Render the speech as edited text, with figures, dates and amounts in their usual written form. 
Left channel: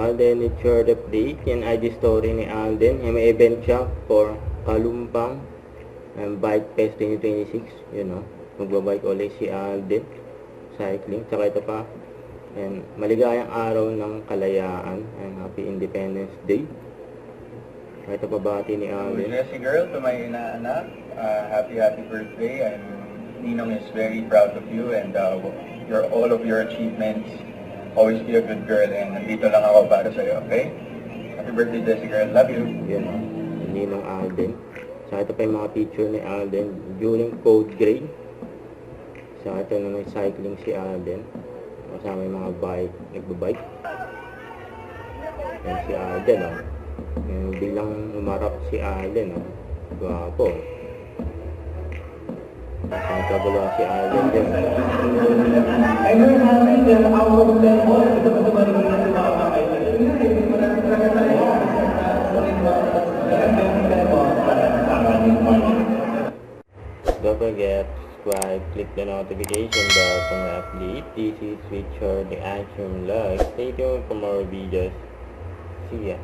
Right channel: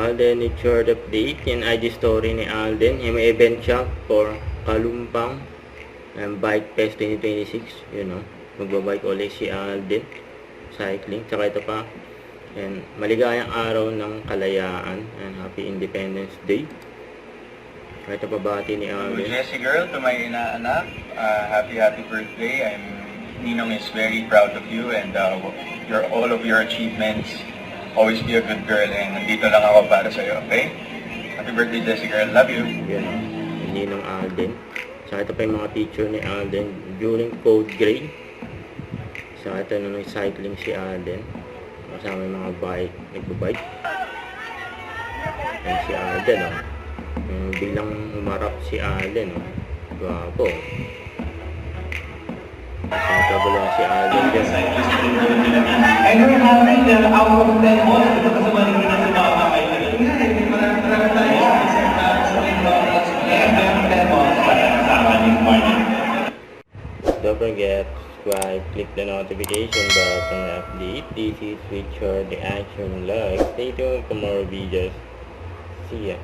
Alden Richard update. Yan IG story ni Alden. Yung may event siya for Kalumpang Bike Fest 2026. Yun o. Magbabike ulit si Alden. Cycling. Tsaka ito pa. And maligayang araw ng kalayaan. And happy Independence Day. Ito pa bati ni Alden. Jessie girl, to my inaanak, happy birthday. Ninong is very proud of you and all of your achievements. Always be a good girl and nandito lang ako para sa'yo, okay? Happy birthday, Jessie girl. Love you. Yan o. Ninong Alden. So ito pa yung mga picture ni Alden during 4th grade. So ito na may cycling si Alden. Kasama yung mga bike, nagbabike. Yan si Alden o. Bilang umarap si Alden o. Gwapo. Ang kagulo si Alden dyan. And we're having the hour of 10 more. Ito kasi maligin na si mga kaibigan. Marami tayo. And then 10 more. Don't forget, subscribe, click the notification button and update. This is Richard the Action Vlog. Stay tuned for more videos. See ya.